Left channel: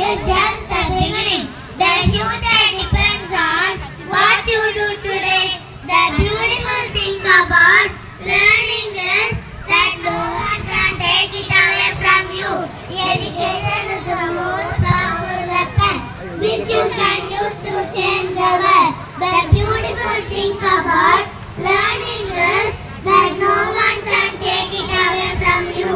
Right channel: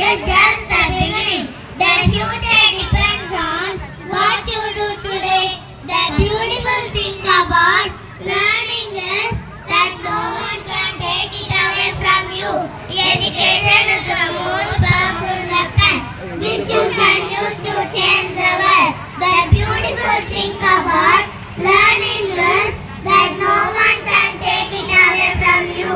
is just the beginning. The future depends on what you do today. The beautiful thing about learning is that no one can take it away from you. Education is the most powerful weapon which you can use to change the world. The beautiful thing about learning is that no one can take it away from you.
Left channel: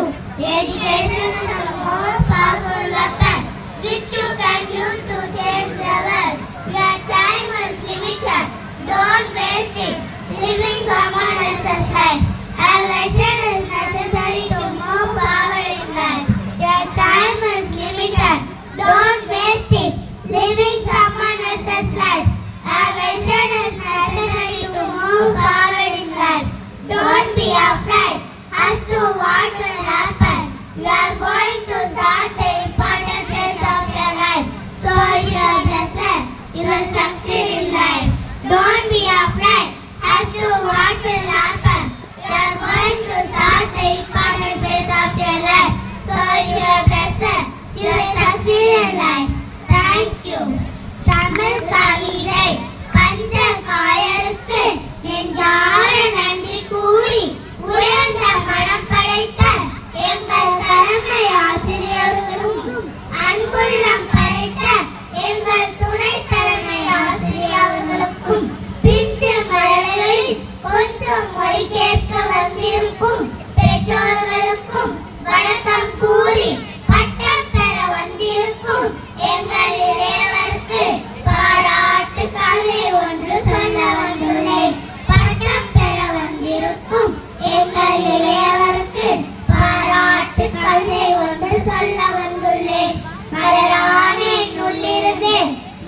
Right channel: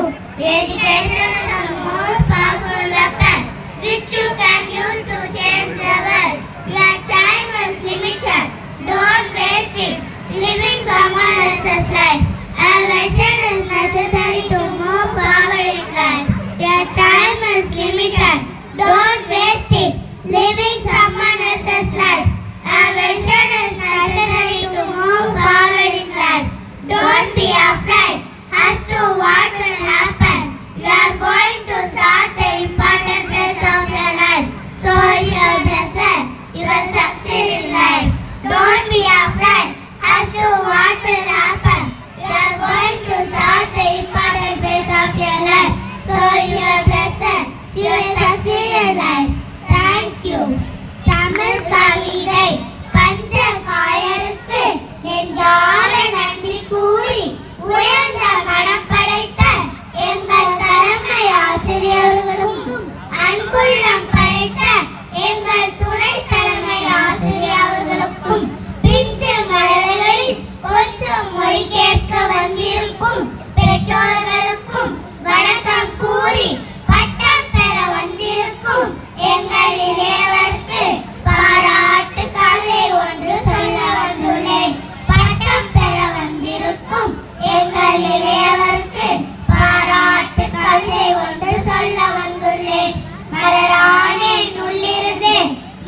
Education is the most powerful weapon which you can use to change the world. Your time is limited. Don't waste it living someone else's life. A vision is necessary to move forward in life. Your time is limited. Don't waste it living someone else's life. A vision is necessary to move forward in life. Don't be afraid as to what will happen. You are going to start the important phase of your life. So you are blessed. You will succeed in life. Don't be afraid as to what will happen. You are going to start the important phase of your life. So you are blessed. You will succeed in life. Thank you. Tamil கவிதை பஞ்ச காயருக்கு நெஞ்சார நன்றி கூறி உயர்ந்த மனம் படைத்த எங்கள் தலைமை ஆசிரியர்களுக்கும் அன்புள்ளம் படைத்த எங்கள் துணை தலைமை ஆசிரியர்களுக்கும் பிஞ்சு மழலைகளில் கொஞ்சம் மொழி கேட்க வந்திருக்கும் பெற்றோர்களுக்கும் வணக்கம் கூறி பட்டம் பெற வந்திருக்கும் எங்கள் இளையவருக்கு பாராட்டு கதை ஒன்று சொல்ல வந்துள்ளேன். பட்டம் பெற வந்திருக்கும் எங்கள் இளையவருக்கு பாராட்டு கதை ஒன்று சொல்ல வந்துள்ளேன். மலரான உள்ளிருந்து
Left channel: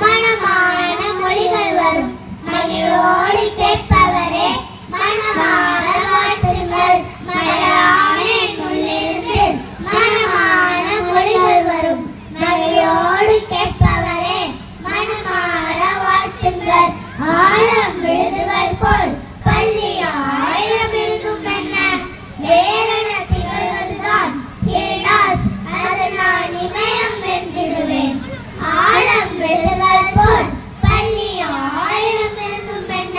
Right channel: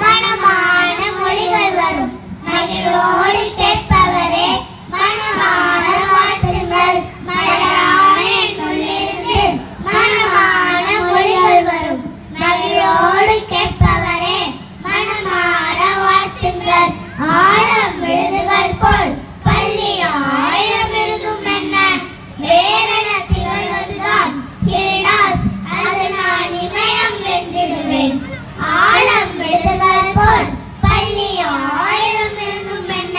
மனமான மொழிகள் வரும். மகிழோடு கேட்பவரே மனமான வாழ்த்துங்கள். மலரான உள்ளிருந்து மனமான மொழிகள் வரும். மகிழோடு கேட்பவரே மனமான வாழ்த்துங்கள். ஆழம் விழுதுகள் போல் பள்ளி ஆயிரம் இருந்தும் என்ன வேறென திகழ்வதுதான் கிளாஸ். அது நான் இமயம் வென்றிடுவேன். ஆழம் விழுதுகள் போல் பள்ளி ஆயிரம் இருந்தும் என்ன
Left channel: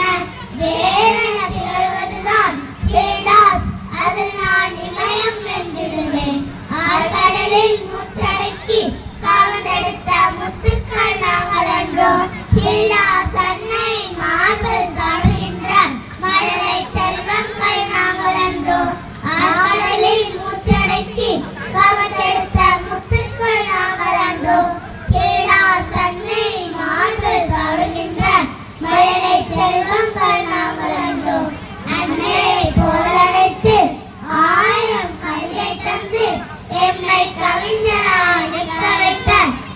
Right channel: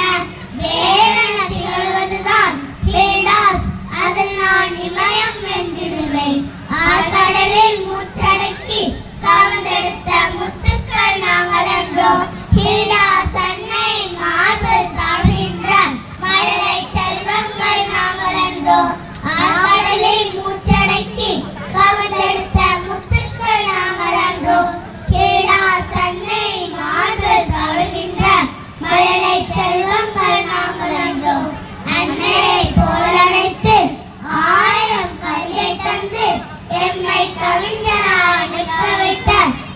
வேறென திகழ்வதுதான் கிளாஸ். அது நான் இமயம் வென்றிடுவேன். ஆழ்கடலில் மூச்சடக்கி கவர்ந்தெடுத்த முத்துக்கள் நாங்கள் அன்றோ. கிளாஸ் அன்னை மார்பில் தழுகின்ற மழலை செல்வங்கள் நாங்கள் அன்றோ. ஆழ்கடலில் மூச்சடக்கி கவர்ந்தெடுத்த முத்துக்கள் நாங்கள் அன்றோ. கிளாஸ் அன்னை மார்பில் தழுகின்ற மழலை செல்வங்கள் நாங்கள் அன்றோ. அன்னையை போலழைத்து ஆயிரம் கவிதை தந்து எம்மை கவிஞராக நிற்க வைத்த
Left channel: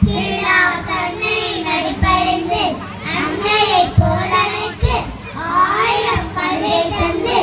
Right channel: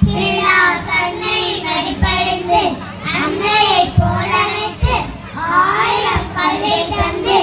கிளாஸ் அன்னையின் அடிப்படைந்து. அன்னையை போலழைத்து ஆயிரம் கவிதை தந்து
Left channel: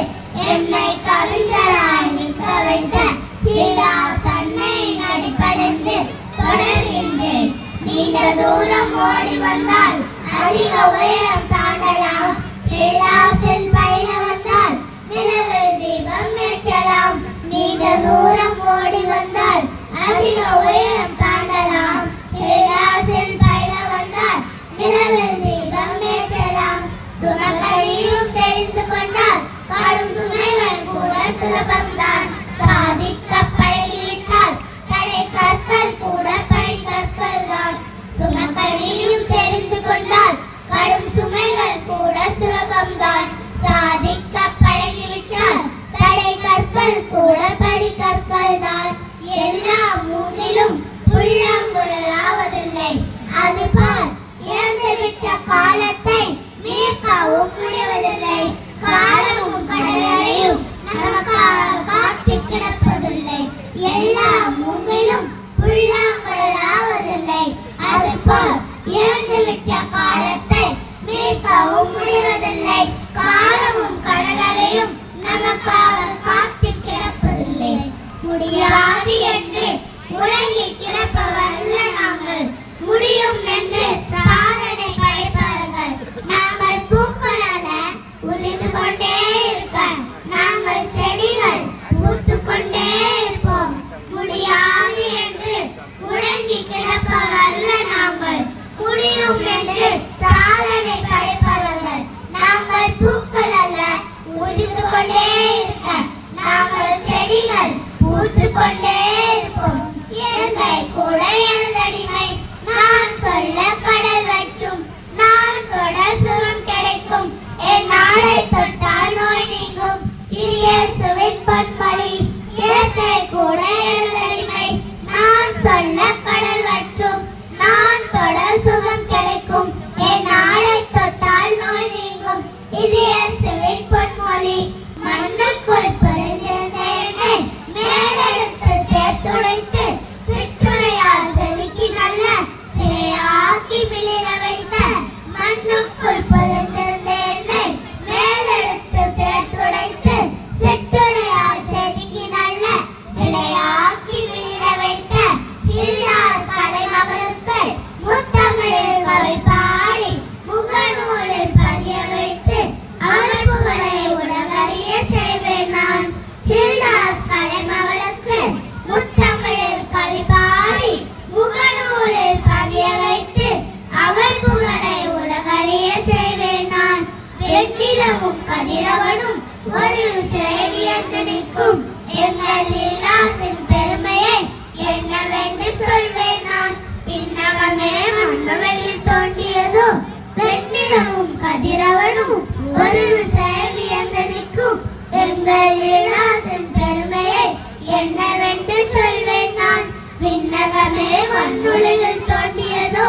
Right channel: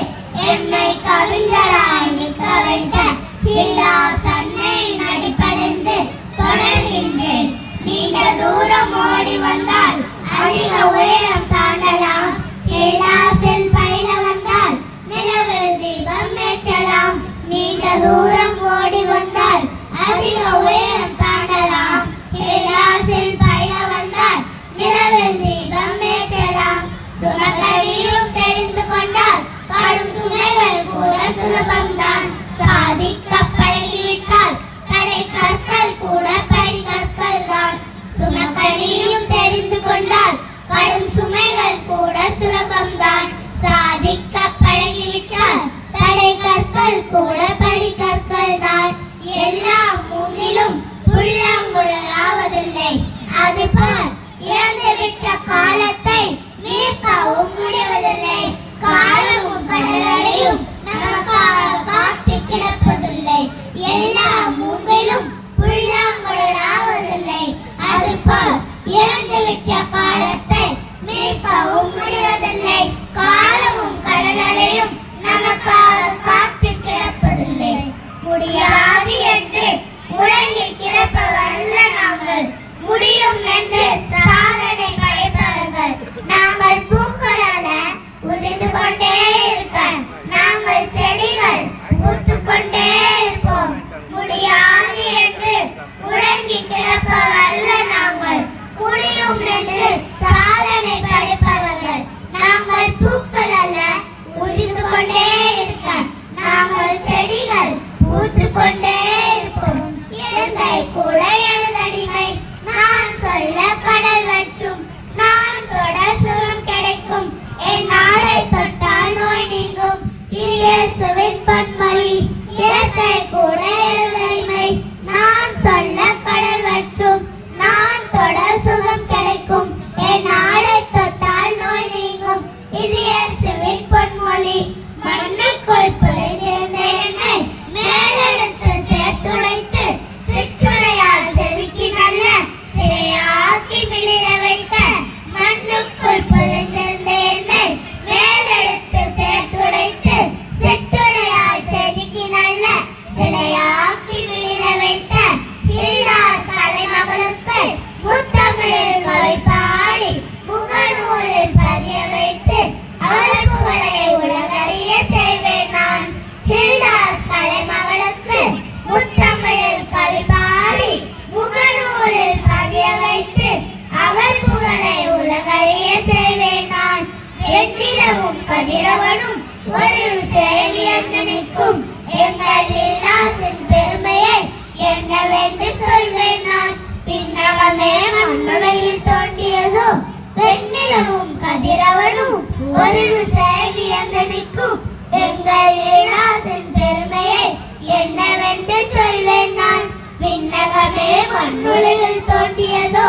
எம்மை கவிஞராக நிற்க வைத்த கிளாஸ் அன்னையின் அடிப்படைந்து தொடர்கின்றேன். நீண்ட தூரம் ஓடி வந்தால் அதிக உயரம் தாண்டலாம். கிளாஸில் பயில வந்தால் நிலவில் தீபம் ஏற்றலாம். நீண்ட தூரம் ஓடி வந்தால் அதிக உயரம் தாண்டலாம். கிளாஸில் பயில வந்தால் நிலவில் தீபம் ஏற்றலாம். சுமக்கடியும் தெரிந்து கொண்டால் கடும் சுமைகள் கூட சுலபம்தான். சாதிக்க பழகிவிட்டால் கடை கற்கள் கூட படை கற்கள் தான். சுமக்கடியும் தெரிந்து கொண்டால் கடும் சுமைகள் கூட சுலபம்தான். சாதிக்க பழகிவிட்டால் கடை கற்கள் கூட படை கற்கள் தான். எல்லா மூங்கிலும் புல்லாங்குழல் ஆவதில்லை. அதுபோல் இழந்துவிட்ட காலத்தை மீட்கவும் முடிவதில்லை. காலமும் கடலையும் நமக்காக காத்து கிடப்பதில்லை. எல்லா மூங்கிலும் புல்லாங்குழல் ஆவதில்லை. அதுபோல் இழந்துவிட்ட காலத்தை மீட்கவும் முடிவதில்லை. காலமும் கடலையும் நமக்காக காத்து கிடப்பதில்லை. முடியாது என்று முடங்கி கிடப்பவல்ல நாங்கள். முடியும் என்று சாதனை படைப்பவர்கள் நாங்கள். பூக்களால உதிர்ந்து கொண்டே இருக்க நாங்கள் செடிகள் பூத்துக் கொண்டே இருப்போம். முடியாது என்று முடங்கி கிடப்பவல்ல மண்ணுலகில் தோன்றியதோ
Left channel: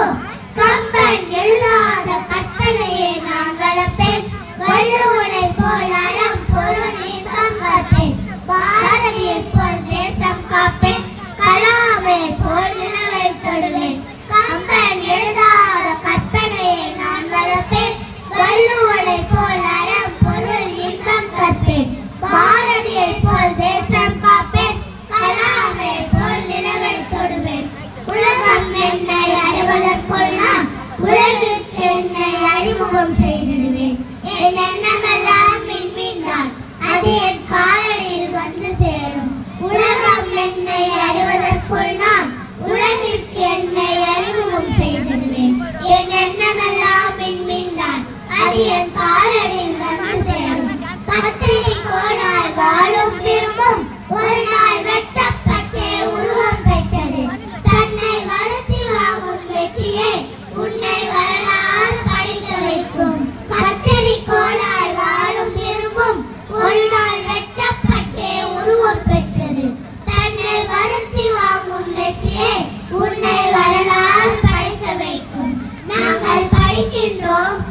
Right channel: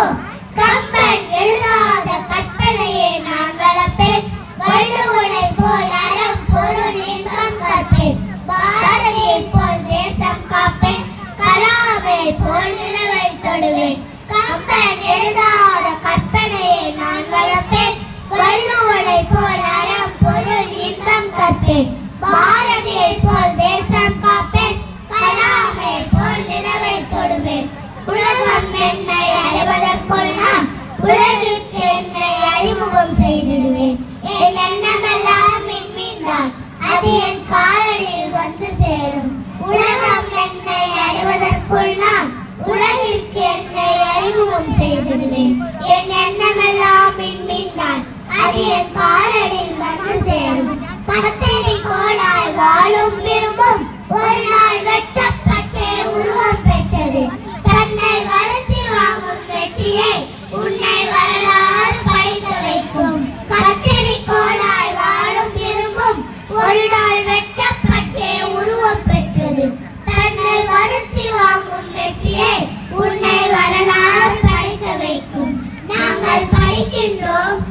கம்பன் எழுதாத கற்பனையை நான் வளர்ப்பேன் வள்ளுவனை போல் அறம் பொருள் இன்பம் கற்பேன் பாரதியை போல் தேசம் காப்பேன் கலாமை போல் நிலவை தொடுவேன் கம்பன் எழுதாத கற்பனையை நான் வளர்ப்பேன் வள்ளுவனை போல் அறம் பொருள் இன்பம் கற்பேன் பாரதியை போல் தேசம் காப்பேன் கலாமை போல் நிலவை தொடுவேன் உலகம் என்னை அறிவதற்குள் நான் உலகிற்கு என்னை அறிமுகம் செய்திடுவேன் என் எண்ணமெல்லாம் மின்மின்தான் அது என் காலடியில் வந்து சேரும் உலகம் என்னை அறிவதற்குள் நான் உலகிற்கு என்னை அறிமுகம் செய்திடுவேன் என் எண்ணமெல்லாம் மின்மின்தான் அது என் காலடியில் வந்து சேரும் கத்தரி கோளாய் வாழும் விரும்பும் ஒரு நாள் வெட்டப்பட்டே உருவம் பெற்றது தன்னை வருத்தி வாங்கும் வெற்றியை உன்னை வரலாறு படைத்து வைக்கும் கத்தரி கோளாய் வாழும் விரும்பும் ஒரு நாள் வெட்டப்பட்டே உருவம் பெற்றது தன்னை வருத்தி வாங்கும் வெற்றியை உன்னை வரலாறு படைத்து வைக்கும் நாங்கள் படிக்கின்றோம்